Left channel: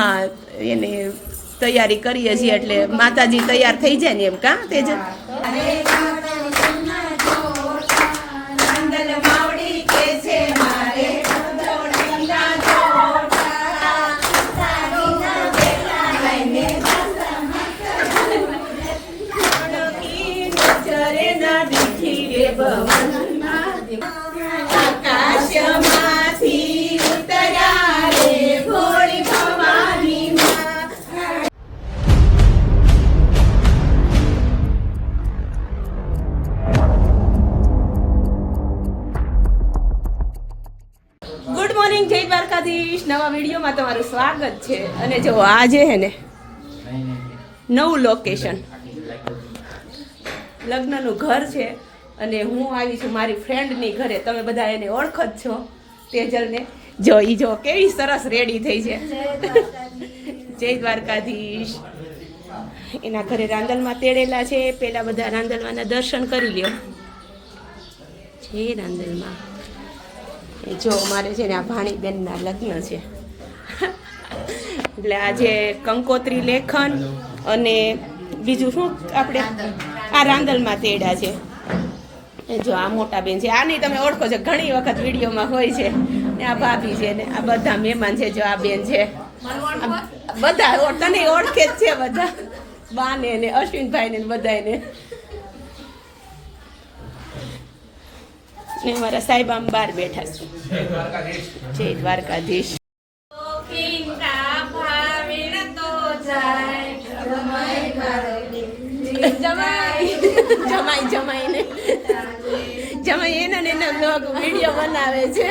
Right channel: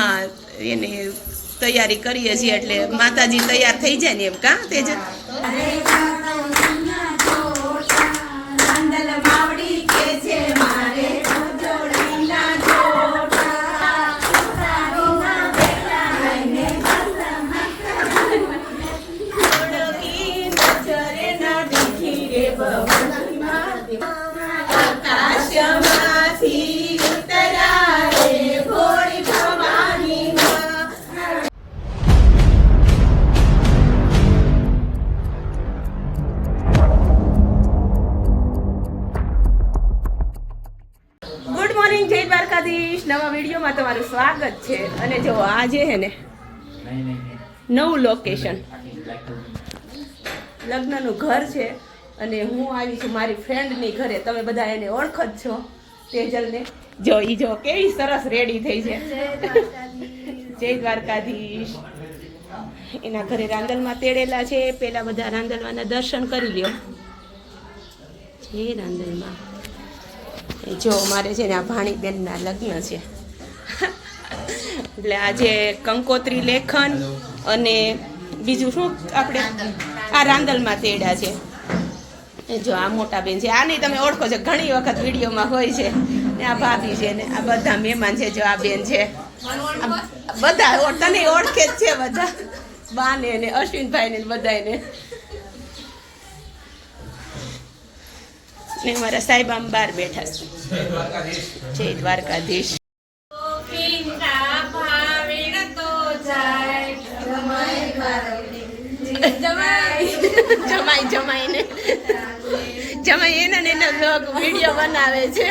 હા એને તૈયારી કરીએ છીએ એટલે માતાજી તૈયાર થઈ જાય ને એમ કા તેજ ગુડ મોર્નિંગ જય દ્વારકાધીશ નવા વિડીયોમાં તમારું સ્વાગત છે અને જો આજે હે ને નવું લોકેશન લગ્નનું ઘર છે અને હું આવી છું મારી ફ્રેન્ડની ઘરે તમે બધા એને ઓળખો જ છો તેજલને જો ઈ જો કેવી સરસ રેડી થઈ છે જય દ્વારકાધીશ એના ઘરે રાંદલમાં તેડેલા છે પેલા બધા રાંદલવાના દર્શન કરી લ્યો છે રાંદલમાં જો મારે છે ને આ ભાણીબેનના લગ્ન છે એટલે આજે કંકોત્રી લેખન અને બીજું શું આપણે આ રાંદલમાં તેડા છે જો આ મોટા બેન છે આ નહીં તમે ઓળખો છો ઘણી વખત વિડીયોમાં હોય છે ને આ ભાભી છે ને આ બધા મહેમાન છે જો આ બેન છે બધા તને ઓળખે જ છે બધા બાને ને અશ્વિનભાઈ ને બધાને ને મારા સાહેબ આમ બહાર બેઠા છે જય દ્વારકાધીશ જમાઈ જમાઈને જમાઈ એના ને એના લોક વિડીયો બનાવે છે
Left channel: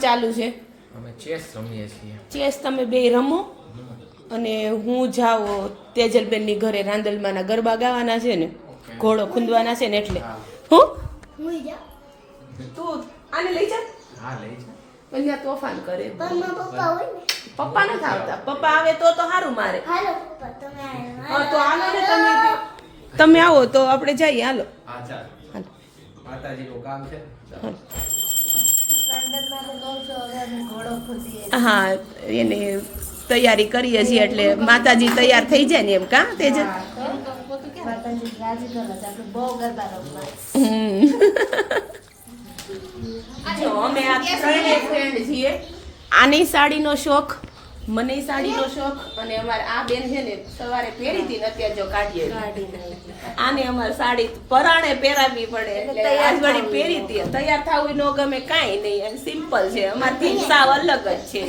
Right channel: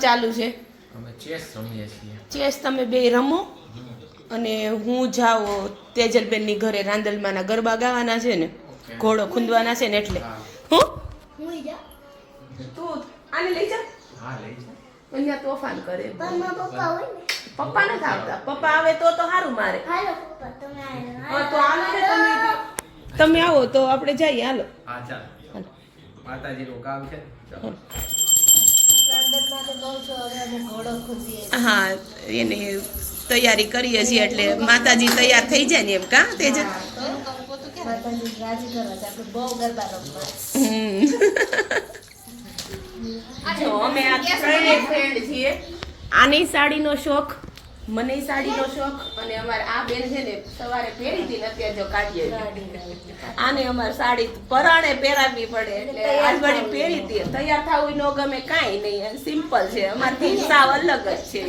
ચાલુ છે અમે ચેસ રમીએ છીએ ચેસ તમે બે રમો અને હું જાઉં તેજલબેનની ઘરે રાંદલમાના ગરબા ગાવાના છે ને ઘોડો ખૂંદવાના છે ને એટલે હું તું આને લઈ જા હા લઈ જા અહીંયા તોફાન કરે પપ્પા નથી આવતા પપ્પા આવે તો સારું મારે હા તો હાલો ને તમે આવો તો આપણે જઈએ હાલો હા ચાલ માતાજીનું કામ છે હા એને તૈયારી કરીએ છીએ એટલે માતાજી તૈયાર થઈ જાય ને એમ કા તેજ અમે આ ત્રણેય ફ્રેન્ડ છીએ આની સાડીનો શોખ મને સાડીનો શોખ અને અમારે આ બેન છે ને સવારે પહેરી હતી ને અત્યારે જો કાઢીએ આને અમારે સાડી પરાણે પહેરાવી પડે એટલે આજ વળી પહેરી હતી તૈયાર થવું ન ગમે કાંઈ નહીં સિમ્પલ છે અમારથી સાવ અલગ જ છે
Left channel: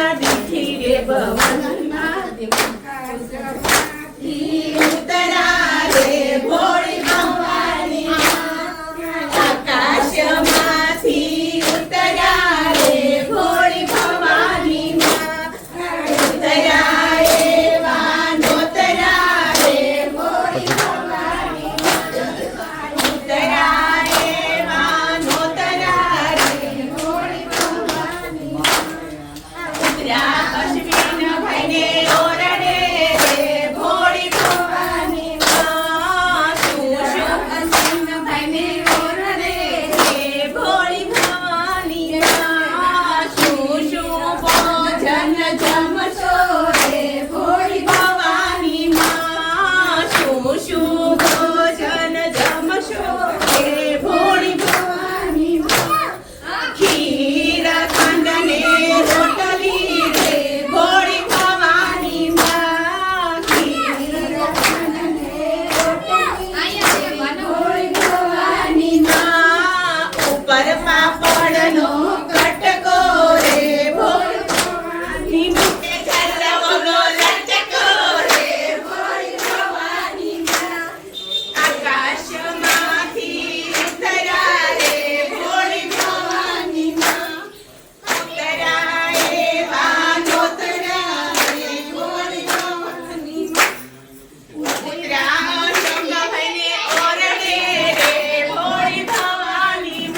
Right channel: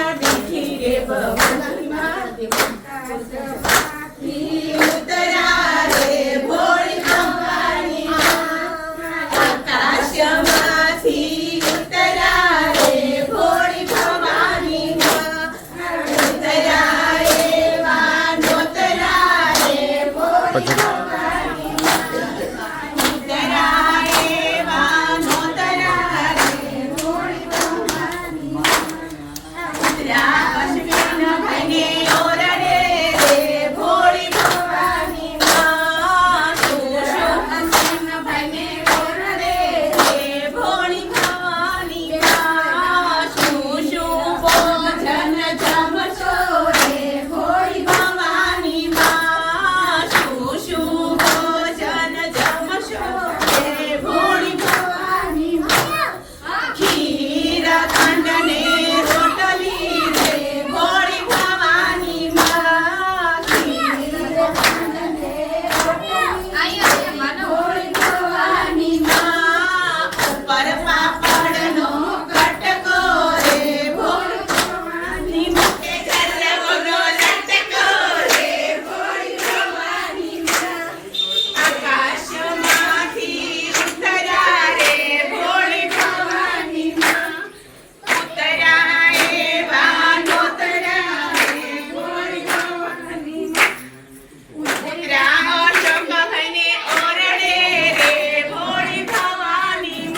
ના બીજી રે ભવનના ઉતરા રે ભોળી ભવાની આકાશમાંથી ઉતરા રે ભોળી ભવાની ઉતરા રે વાનોતરા રે ભોળી ભવાની ઉતરા રે વાનોતરા રે ભોળી ભવાની ઉતરા અશ્વિન ભાઈને ઓરડે રે ભોળી ભવાની શું શું અશ્વિન ભાઈને ઓરડે રે ભોળી ભવાની શું શું ભોજન જમશો રે ભોળી ભવાની શું શું ભોજન જમશો રે ભોળી ભવાની ખીર ખંડ ને રોટલી રે ભોળી ભવાની ખીર ખંડ ને રોટલી ભોળી ભવાની ઉપર પાપડનો કટકો રે ભોળી ભવાની મોટે જરવનો લટકો રે ભોળી ભવાની આકાશમાંથી ઉતરા રે ભોળી ભવાની ઉતરા રે વાનોતરા રે ભોળી ભવાની ઉતરા શંભને ઓરડે રે ભોળી ભવાની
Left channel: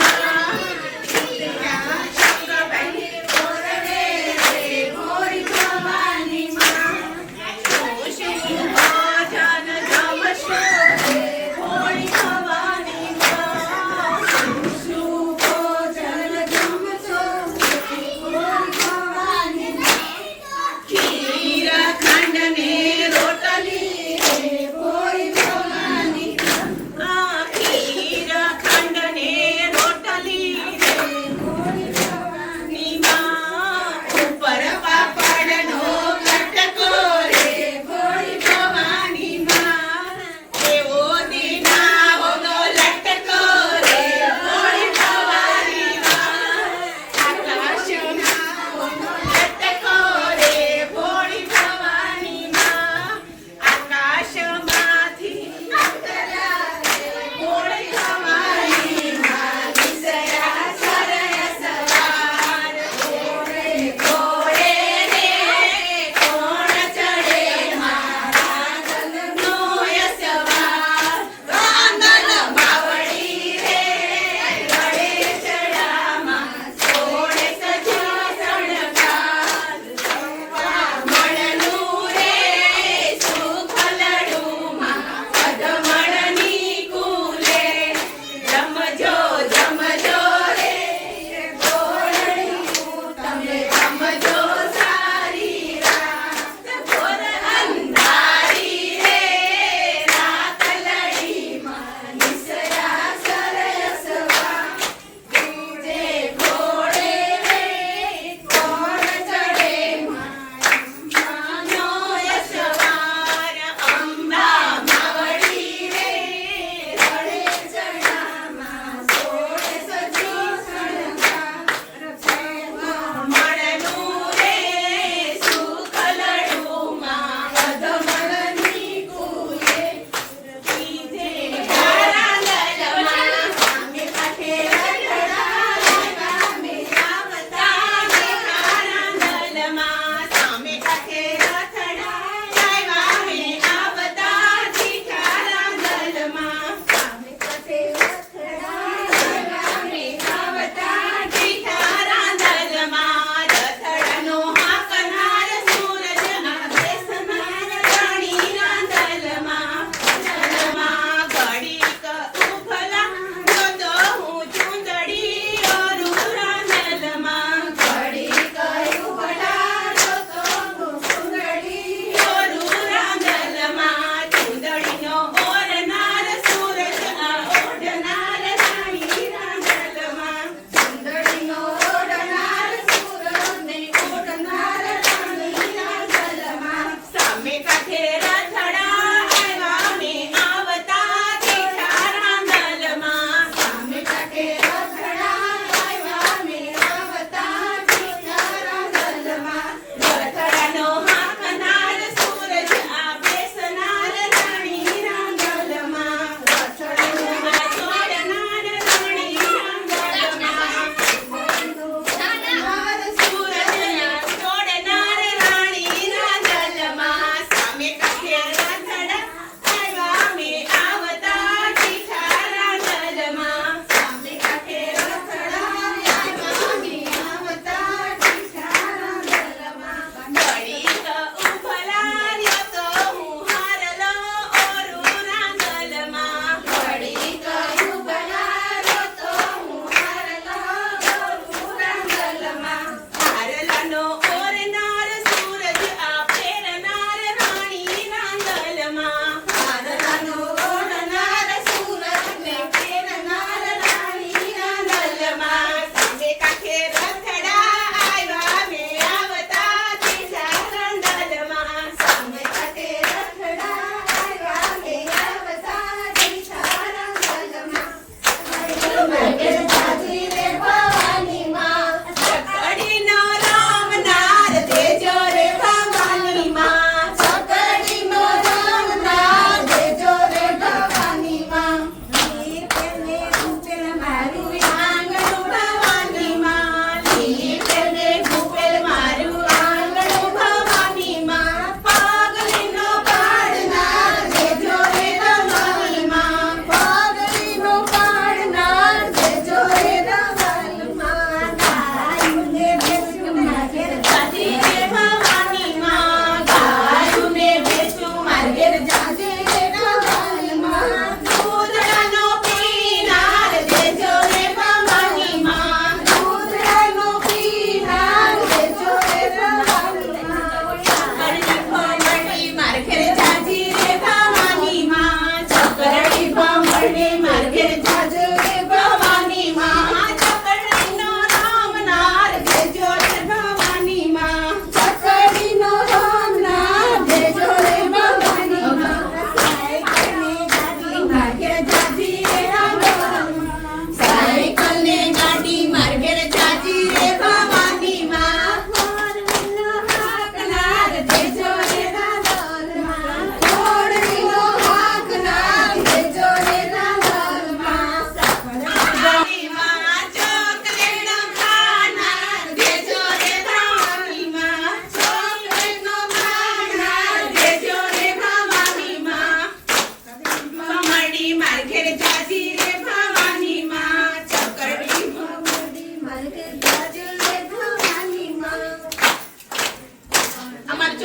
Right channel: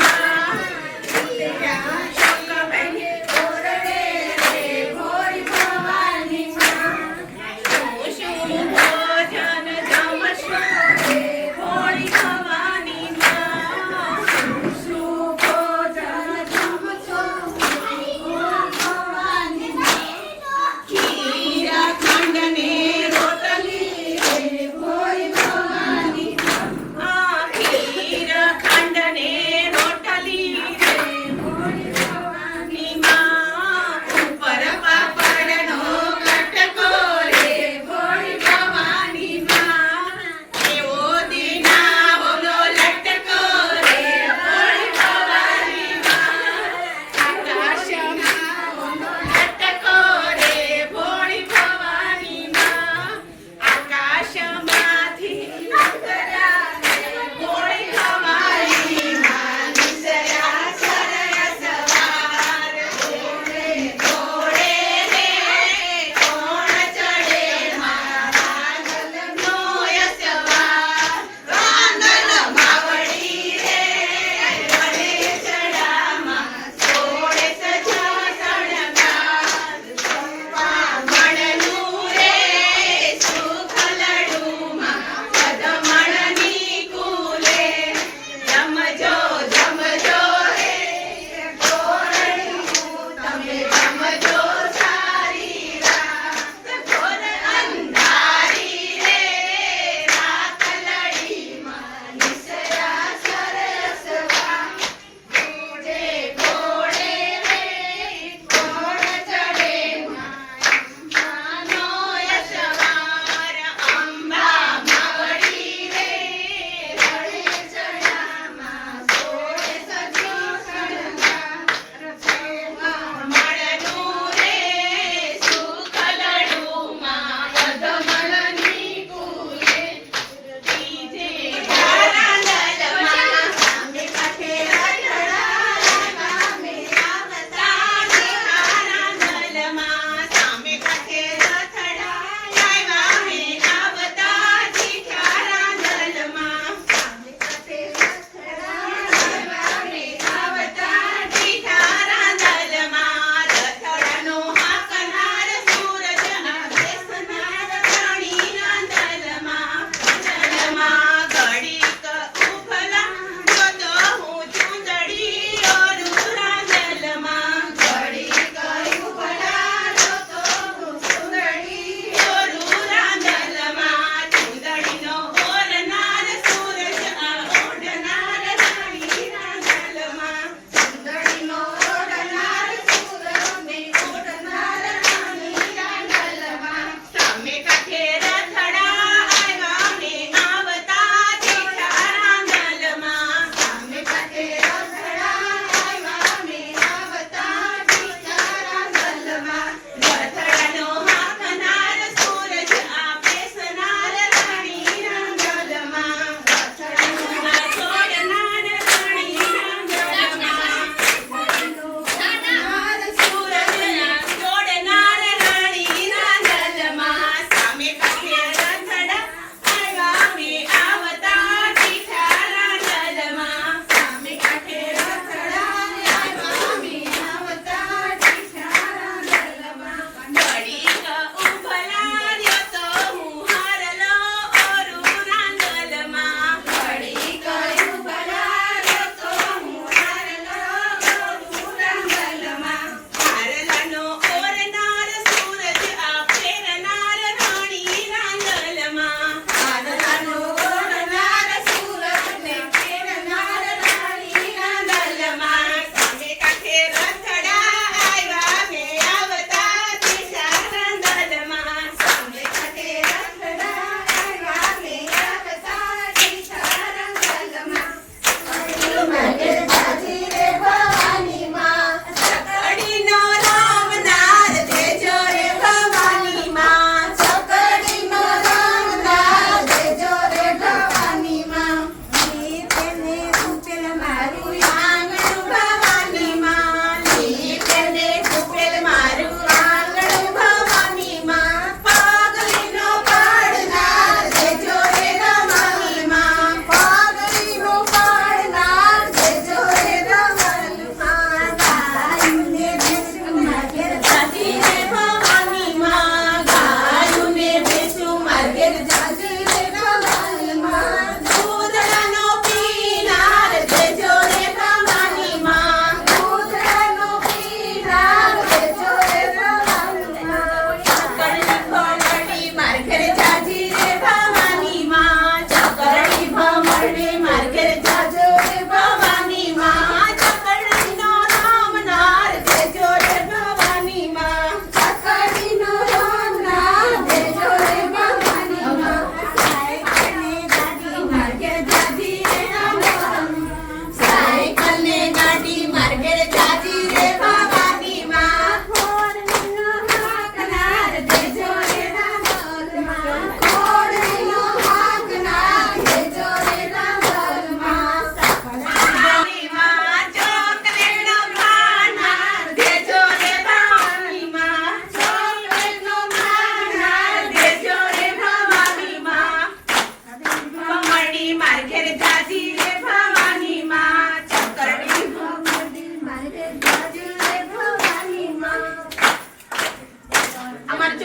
ઉતરા શંભને ઓરડે રે ભોળી ભવાની શું શું ભોજન જમશો રે ભોળી ભવાની શું ભોજન જમશો ભોળી ભવાની ખીર ખંડ ને રોટલી રે ભોળી ભવાની ખીર ખંડ ને રોટલી રે ભોળી ભવાની ઉપર પાપડનો કટકો રે ભોળી ભવાની એવો દીના ઓનો લટકો રે ભોળી ભવાની આકાશમાં ઓનો લટકો રે ભોળી ભવાની આકાશમાંથી ઉતરા રે ભોળી ભવાની વિસયા સરસ સવાર ઘોડે ઘોડે રે કોણ ચડે મારા ગલનો યસવાર વાંગલ માવડી રે રડે ચડામાં સોળે સજા સણગાર મળનું રે સુખલડુમાં પદમણની કુલે જમજો જમજો રે ગોળડિયું તમે જમજો સારી રાત ઘોર અંધારી રે રાખલડીમાં નિસયા સરસવા દૂજે ઘોડે રે કોણ ચડે માનો યશવાર અંબા માવડી રે રડે ચડામાં સોળે સજી સણગાર મળનું રે સુખલડુમાં પદમણની કુલે ત્રીજે ધારા લલમાં સામે કાંઠે રથડામાં સામે કાંઠે રથડા મે આવતા જીઠારા દલમાં સામે કાંઠે રથડા મે આવતા જીઠારા દલમાં રથડાનો હાકનાર સૂરજના દેશનાર રાણીના દલમાં ઘડીક ઉભલા જોતો હું ચૂંદડી ઓરુરા દલમાં ઘડીક ઉભલા જોતો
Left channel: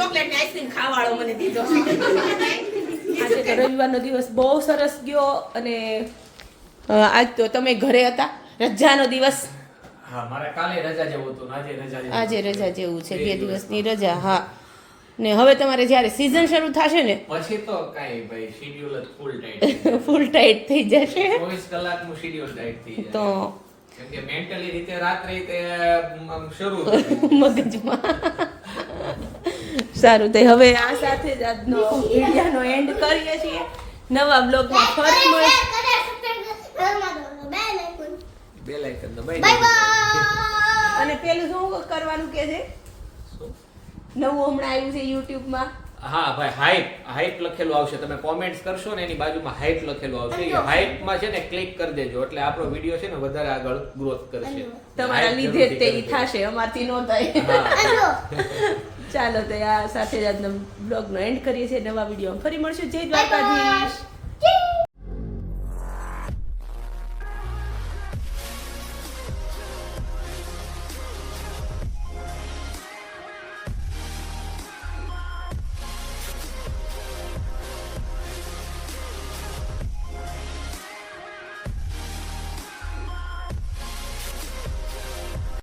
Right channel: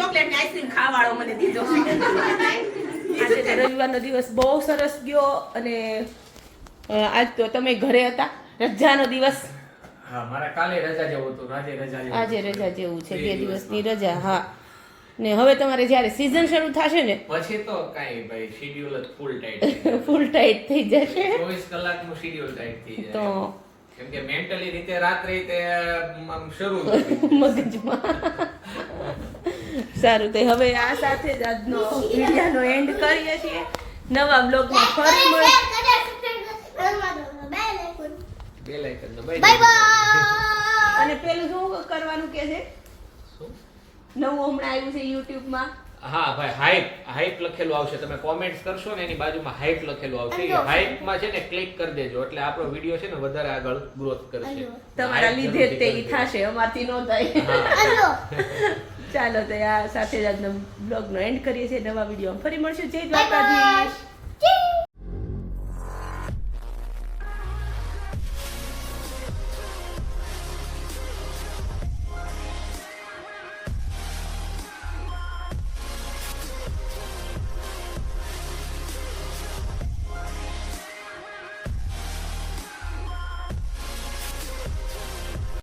ચોકલેટ ને આઈસ્ક્રીમ ખાવાળો મને દીધો છે. આજે તો રવિવારનો દિવસ બહુ સરસ ગયો અને આજ તો તમે ઘરે હતા, રજાનો દિવસ. હા મારે કાલે રજા જેવું હતું, આજે રજા જેવું આજે હતું. રજા જેવું છે, 2 દિવસની રજા. હા ને હવે તમારે જ્યારે સિઝન શરૂ થશે ને પછી તો કાંઈ ભાઈ શેડ્યુલ જ ફૂલ ટાઈટ ફૂલ ટાઈટ થઈ જશે 24 કલાકનું શેડ્યુલ ટાઈટ થઈ તો જાય. કેમ કે મેન્ટલી રીતે રાત્રે તે આમ શરૂ થઈ મગજમાં. સારું તે હવે આ સાથે જ આજનો વિડીયોનો એન્ડ કરીએ છીએ. નવા બ્લોગમાં ફરી મળીએ. બે લાઈકન તો અને પેલું શું કરવાનું કે છે? નવું હમણાં આવ્યું છે યુટ્યુબમાં. હા ભાઈ હાઈપ લખેલું આવશે. તમે કોમેન્ટ્સ કરશો ને એની બાજુમાં હાઈપ લખેલું આવશે. એ હાઈપમાં છે ને ક્લિક કરી દેજો એટલે આપણો વિડીયો છે ને વધારે આગળ ગ્રોથ કરશે. તમારા લીધે જ તે ઈ થશે, અમારથી ન થાય. ચાલો તો આ સાથે જ આજનો બ્લોગનો એન્ડ કરીએ છીએ. નવા વિડીયોમાં ફરી મળશું. જય દ્વારકાધીશ.